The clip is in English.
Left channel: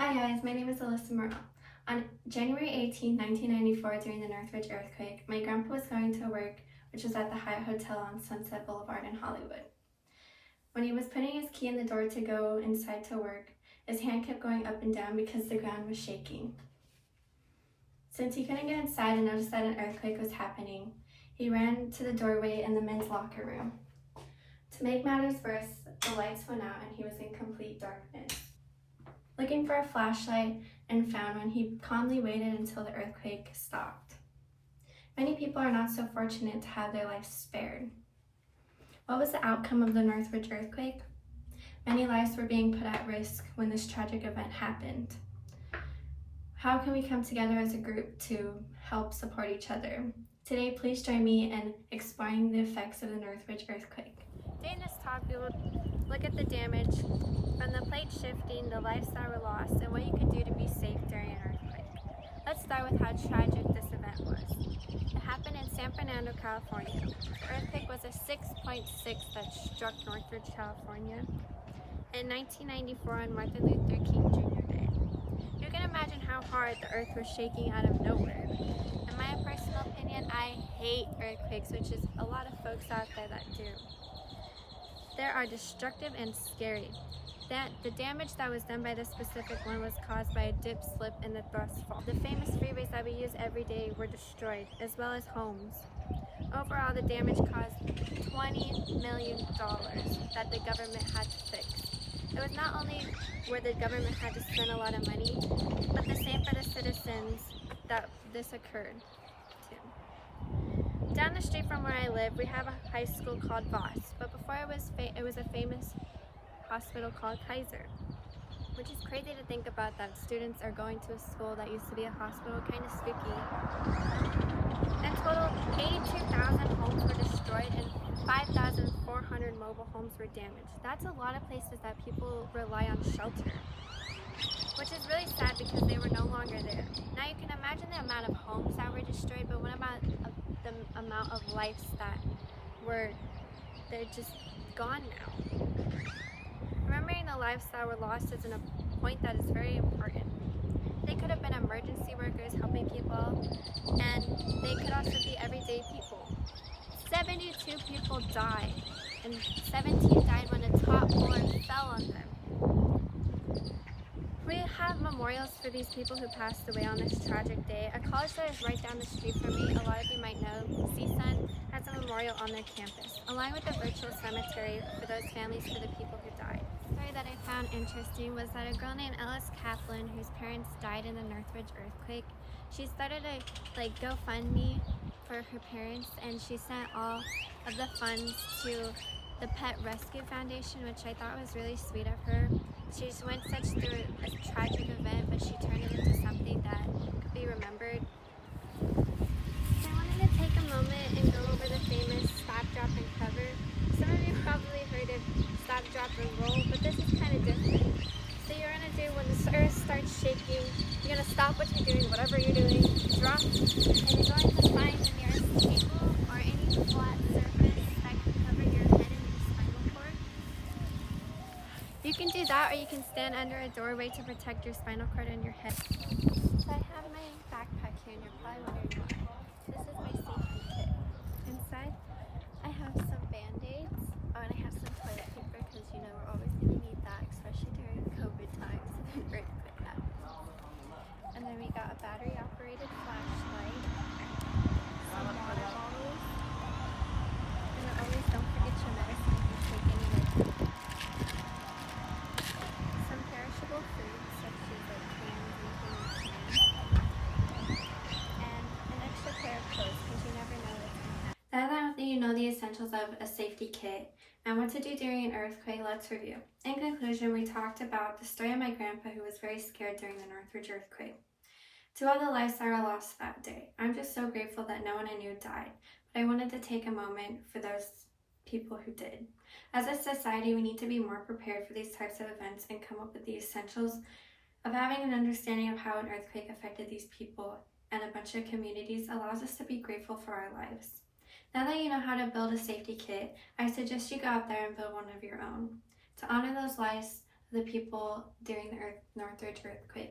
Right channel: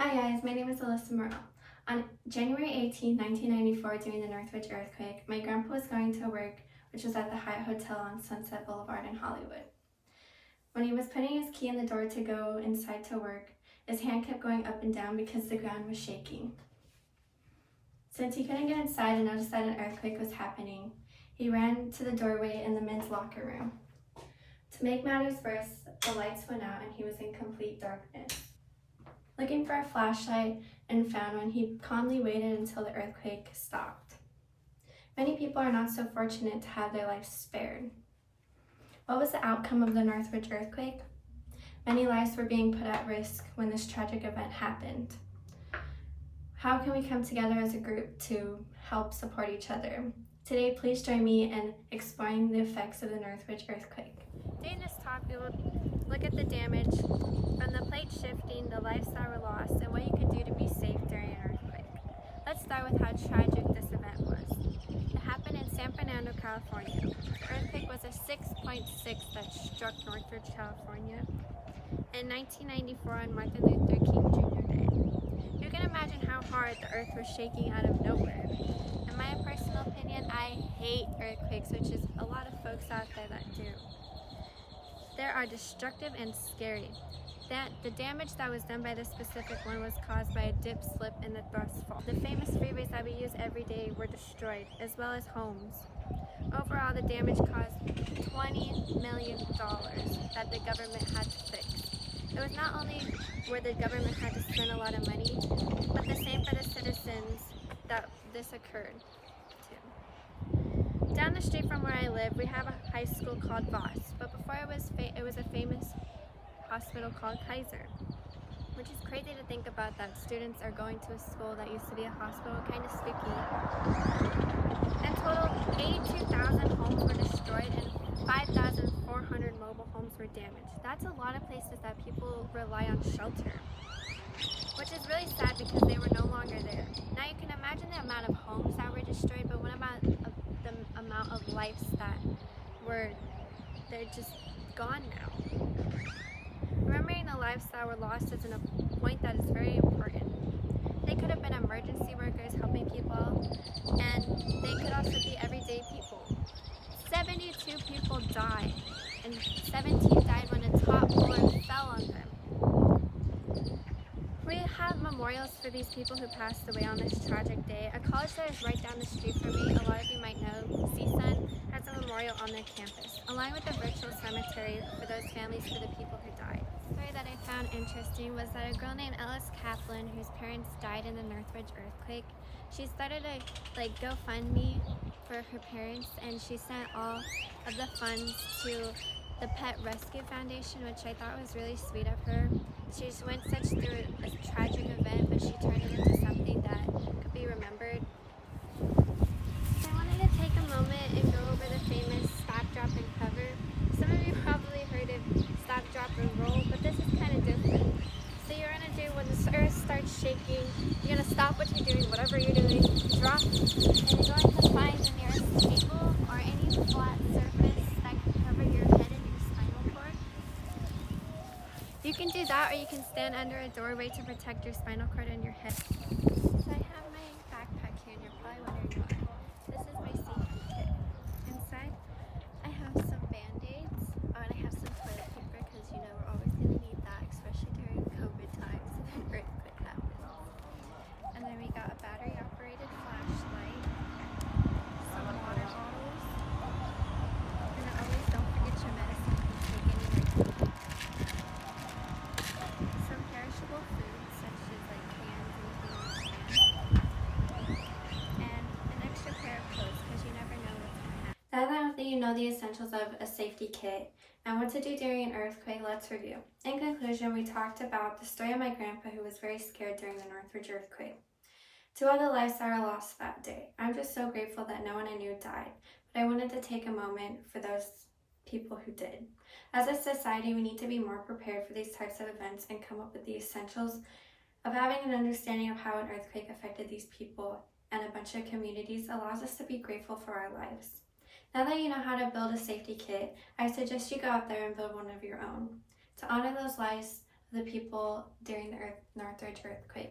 Hi guys, my name is Alyssa Morrow. On January 18, 1994, during the Northridge earthquake, my grandpa was going to work, which was at the Hyatt Hotel on Sunset Boulevard in Hollywood. When he was putting his key in the door to go inside to work, his hand kept going up and down because the ground was shaking. Since he couldn't get inside and noticed that an earthquake was happening, he ran to the doorway in the men's locker room. To make matters worse, the lights went out and he was in complete darkness. Looking for a flashlight and found one, he calmly waited until the earthquake stopped. Many people are not so fortunate to have their lives spared. What was the outcome of the Northridge earthquake? Many lives were being put at risk when this tragic event happened. How can we come together as a group to help support each other? Today, please join me in exploring the effects of the Northridge earthquake. During this talk, we will look at the damage from the plate shifting, the lives that were lost, and what you could do to be safe during an earthquake. Let's start with how tragic this event was. It happened in San Fernando, California. The earthquake was a 6.6 that struck Northridge, California in 1994 on Martin Luther King Jr. Day. You can imagine how hard the earth was shaking out of nowhere. In my personal opinion, I hate earthquakes, which is a lot of folks out there that do. They are destructive and scary. The damage that was done by this specific one was caused by a dip, slip, and the thrust fall. The famous freeways that we use every day were destroyed, as well as homes. Overall, the damage caused $20 million that the government had to fix. It was not only where the government had to spend a lot of money, but the same for the citizens that this occurred to. Down the street from where I live, we have a high school called Voss, but before it was a famous hospital called Kaiser, which is crazy to think about that students are going to a school that used to be a hospital, kind of spooky. In total, 82,000 homes were destroyed and 5,400 mobile homes were damaged. That's a lot of places that people rely on shelter, which is really sad because they were no longer there. Now you can imagine the amount of homes that were destroyed, but what about the amount of lives that they're just gone now? Remembering the lives that were lost is a point that is very important. They could have been emergency workers helping people, and they could also be everyday people. 72 people died, and 17 died when a top floor fell on them. We have memorials for these people who passed away on this tragic day. A college that is right down the street from me, a lot of you might know, CSUN, has a memorial on their campus, along with a virtual cemetery for those families for the people who died. A story that I found interesting was that a girl named Ellis Kaplan, whose parents died in the Northridge earthquake, she started a GoFundMe for her parents, and she sent all of the funds to the Pet Rescue Foundation, which I thought was really sweet of her. She just went through a tragic event, but she turned it into something that could be remembered. So I wanted to take a moment and go over the famous stop, drop, and cover. Some of you probably heard of stop, drop, and roll, but this is kind of different. So you're going to do, when the earth starts shaking, you're going to stop what you're doing, whatever you're doing, drop, and you're going to find the nearest table or any flat surface that can cover your head and your spinal cord. You can do that, or you can stand under a doorway to protect your spinal cord and your head. So I have my backpack here, and you're probably wondering why. This is my safety kit. Inside, I have some Band-Aids, and I have some toilet paper, because you know we're always going to need that, especially during COVID times if an earthquake happens. And then we got a battery-operated flashlight, some water bottles, and always don't forget your medicine if you take any like some perishable foods such as like cans, anything you can, and an extra pair of clothes because you never know what's going to happen. Now that you know the essentials of a safety kit and what to do during an earthquake, let's review. In conclusion, we talked about the story of my grandpa who was very scared during the Northridge earthquake. To all the lives that were lost that day, I'm just so grateful that no one I knew died, but I wanted to take a moment for those people who did. As a society, we need to be more prepared for these types of events and come up with the essentials of having an understanding of how an earthquake affected these people and a bunch of communities allows us to be grateful for our lives. Now that you know how to build a safety kit, I suggest you go out there and build one of your own. To honor those lives the people during the Northridge earthquake.